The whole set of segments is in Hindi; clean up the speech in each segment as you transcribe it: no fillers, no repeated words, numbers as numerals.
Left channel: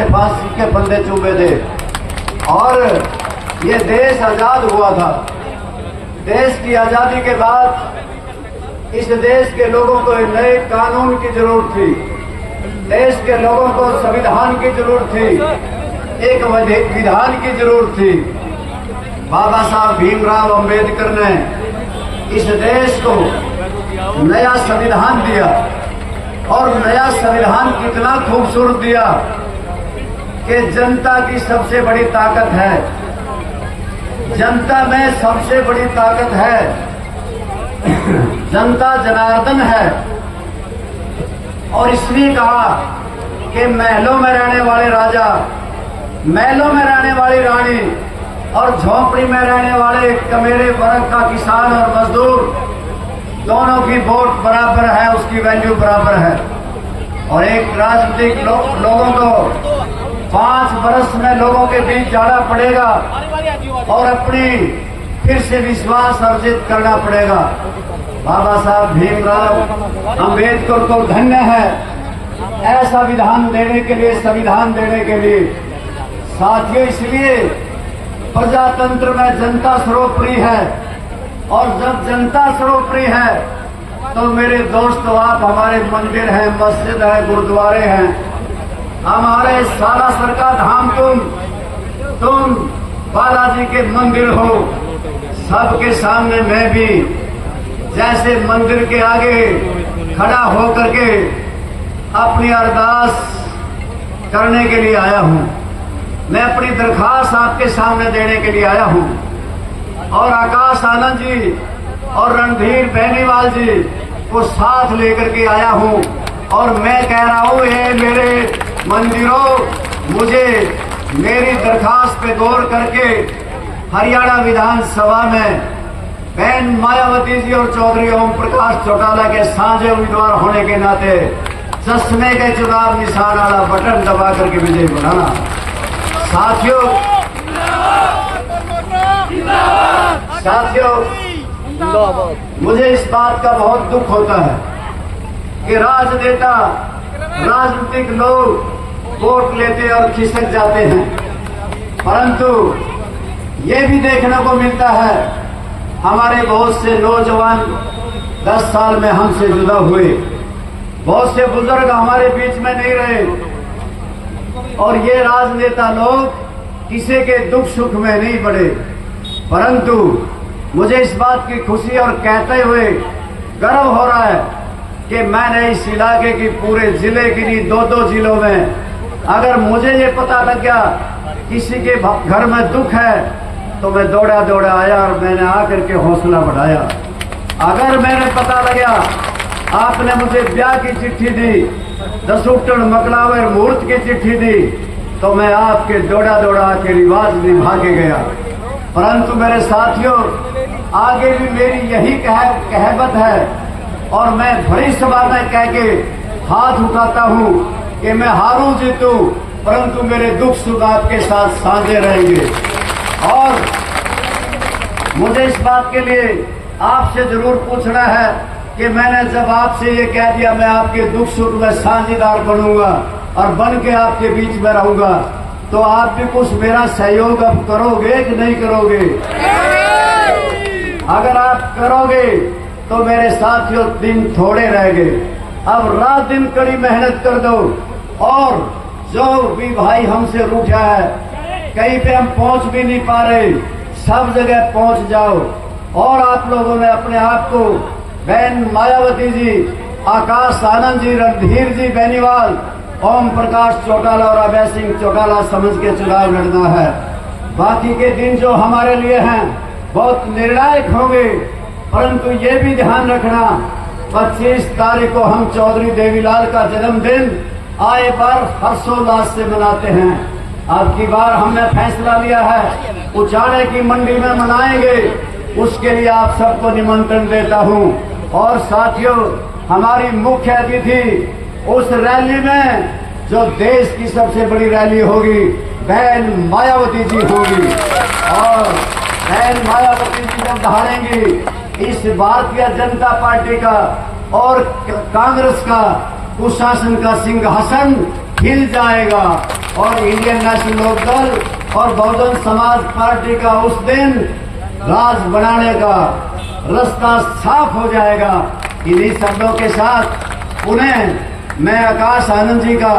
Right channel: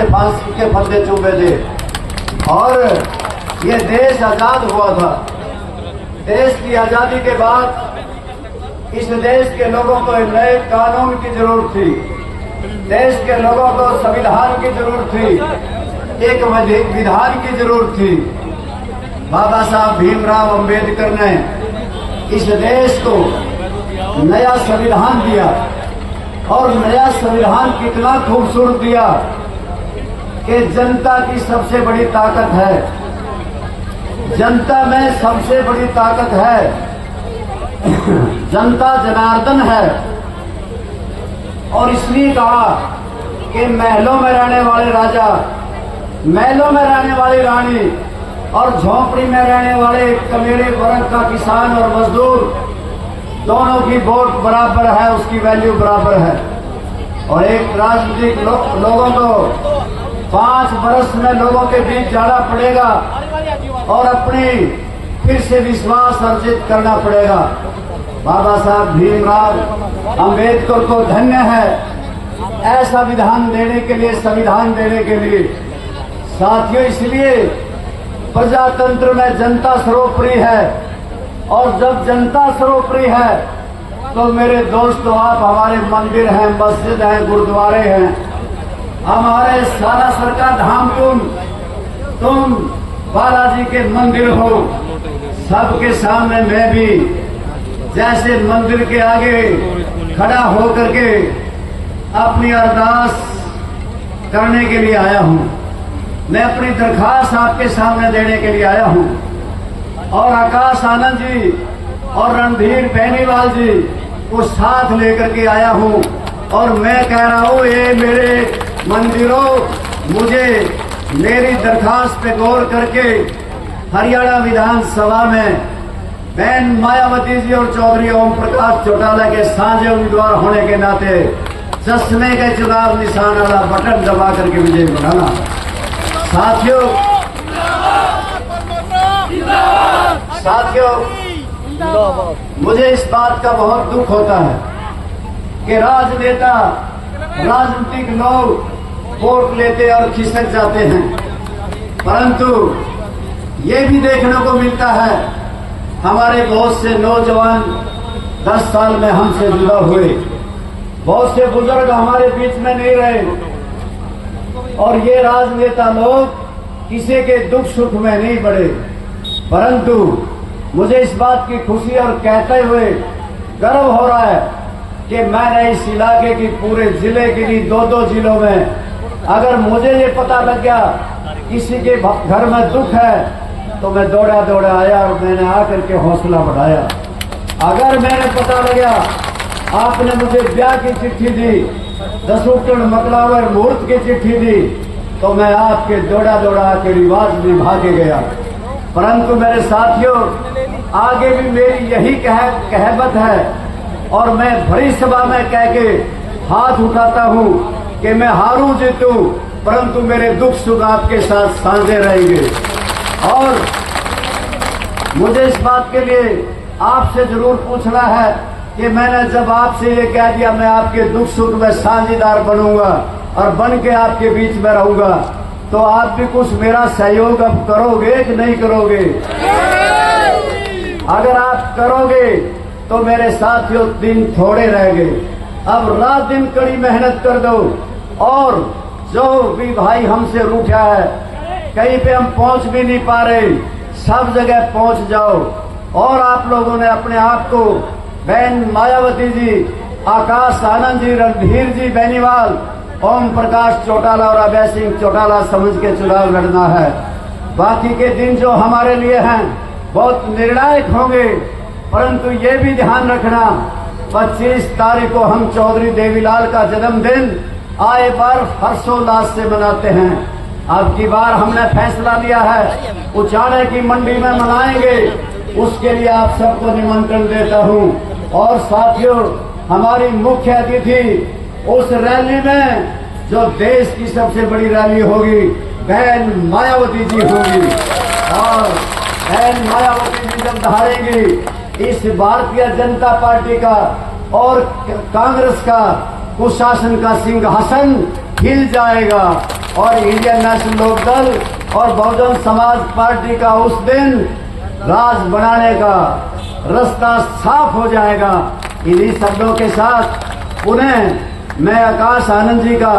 से फांसी के फंदे चूमे थे और ये देश आजाद हुआ था। देश की आजादी के बाद इस देश के लोगों को एक नए कानून की जरूरत थी। देश के लोगों को संविधान की जरूरत थी, एक विधान की जरूरत थी। बाबा साहब भीमराव अंबेडकर ने इस देश को नया संविधान दिया और नया संविधान कितना खूबसूरत दिया कि जनता की सबसे बड़ी ताकत है, जनता में सबसे बड़ी ताकत है, जनता जनार्दन है। और इसलिए कहा कि महलों में रहने वाले राजा, महलों में रहने वाली रानी और झोंपड़ी में रहने वाले कमेरे वर्ग का किसान और मजदूर, दोनों की वोट बराबर है, उसकी वैल्यू बराबर है। और एक राजनीतिक लोगों को 5 बरस में लोगों के बीच जाना पड़ेगा और अपनी फिर से विश्वास अर्जित करना पड़ेगा। बाबा साहब भीमराव अंबेडकर को धन्य है ऐसा विधान देने के लिए, संविधान देने के लिए। साथियों, इसलिए प्रजातंत्र में जनता सर्वोपरि है और जब जनता सर्वोपरि है तो मेरे दोस्तों, आप हमारे मंदिर हैं, मस्जिद है, गुरुद्वारे हैं, हमारे सालासर का धाम तुम बालाजी के मंदिर हो। सबके सामने मैं भी जैसे मंदिर के आगे खड़ा होकर के अपनी अरदास करने के लिए आया हूं। मैं अपनी दरखास्त आपके सामने देने के लिए आया हूं और आकाश आनंद जी और रणधीर बेनीवाल जी को साथ लेकर के आया हूं और मैं कह रहा हूं, ये मेरे मंदिरों, मुझे मेरी दरखास्त पे गौर करके हरियाणा विधानसभा में बहन मायावती जी और चौधरी ओम प्रकाश चौटाला के साझे उम्मीदवार होने के नाते चश्मे के चुनाव निशान वाला बटन दबा करके विजय बनाना। साथियों, मुझे इस बात का बहुत दुख होता है कि राजनेता, राजनीतिक लोग वोट लेते और खिसक जाते हैं, परंतु ये भी देखने को मिलता है हमारे बहुत से नौजवान 10 साल में हमसे जुदा हुए, बहुत से बुजुर्ग हमारे बीच में नहीं रहे और ये राजनेता लोग किसी के दुख सुख में नहीं पड़े। परंतु मुझे इस बात की खुशी और कहते हुए गर्व हो रहा है कि मैंने इस इलाके की पूरे जिले की नहीं, 2-2 जिलों में अगर मुझे ये पता लग गया किसी के घर में दुख है तो मैं दौड़ा दौड़ा आया और मैंने आकर के हौसला बढ़ाया। अगर मैंने पता लगा आपने मुझे ब्याह की चिट्ठी दी, दसूटन मकलावर मुहूर्त की चिट्ठी दी, तो मैं आपके दौड़ा दौड़ा आके रिवाज निभा के गया। परंतु मेरे साथियों, आगे भी मेरी यही कहवत है और मैं बड़ी सभा में कह के हाथ उठाता हूं कि मैं हारूं जीतूं, परंतु मेरे दुख सुख आपके साथ साझे रहेंगे। और मुझे इस बात के लिए आपसे जरूर पूछना है कि मैंने जब आपसे ये कह दिया मैं आपके दुख सुख में साझेदार बनूंगा और बन के आपके बीच में रहूंगा, तो आप भी कुछ मेरा सहयोग अब करोगे कि नहीं करोगे? अगर आप करोगे तो मेरे साथियों दिन थोड़े रह गए, अब रात दिन कड़ी मेहनत कर दो और जो भी भाई हमसे रूठा है, कहीं पे हम पहुंच भी नहीं पा रहे, सब जगह पहुंच जाओ। और आप लोगों ने अपने आप को बहन मायावती जी, आकाश आनंद जी, रणधीर जी बेनीवाल, ओम प्रकाश चौटाला और अभय सिंह चौटाला समझ के चुनाव लड़ना है। बाकी के दिन जो हमारे लिए हैं बहुत निर्णायक होंगे, परंतु ये भी ध्यान रखना 25 तारीख को हम चौधरी देवीलाल का जन्मदिन आए बार हर्षोल्लास से मनाते हैं। अब की बार हमने फैसला लिया है उचाड़े की मंडी में मनाएंगे, उसके लिए आप सबको निमंत्रण देता हूं। और साथियों, हमारी मुख्य अतिथि उस रैली में जो देश की सबसे बड़ी रैली होगी, बहन मायावती जी होगी और बहन मायावती जी जब धारेंगी इस भारतीय जनता पार्टी का और कांग्रेस का कुशासन का सिंहासन हिल जाएगा। और इंडियन नेशनल लोकदल और बहुजन समाज पार्टी का उस दिन राज बनाने का रास्ता साफ हो जाएगा। इन्हीं शब्दों के साथ उन्हें मैं आकाश आनंद जी का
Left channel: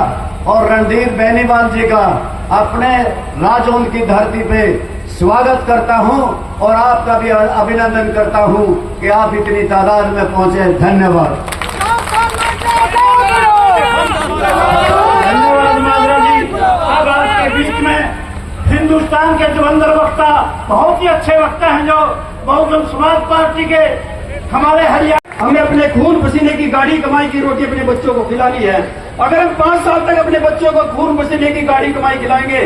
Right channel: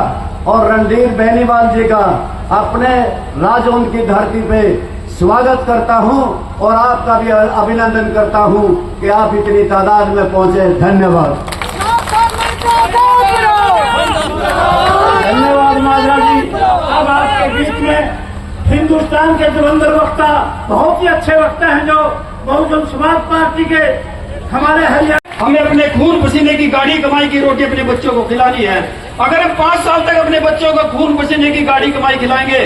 और रणधीर बेनीवाल जी का अपने राजौंद की धरती पे स्वागत करता हूं और आपका भी अभिनंदन करता हूं कि आप इतनी तादाद में पहुंचे। धन्यवाद। धन्यवाद माला जी। अब आपके बीच में हिंदुस्तान के धुरंधर वक्ता, बहुत ही अच्छे वक्ता हैं जो बहुजन समाज पार्टी के हमारे हरियाणा। हमें अपने खून पसीने की गाड़ी कमाई की रोटी अपने बच्चों को खिलानी है। अगर हम 5 साल तक अपने बच्चों को खून पसीने की गाड़ी कमाई खिलाएंगे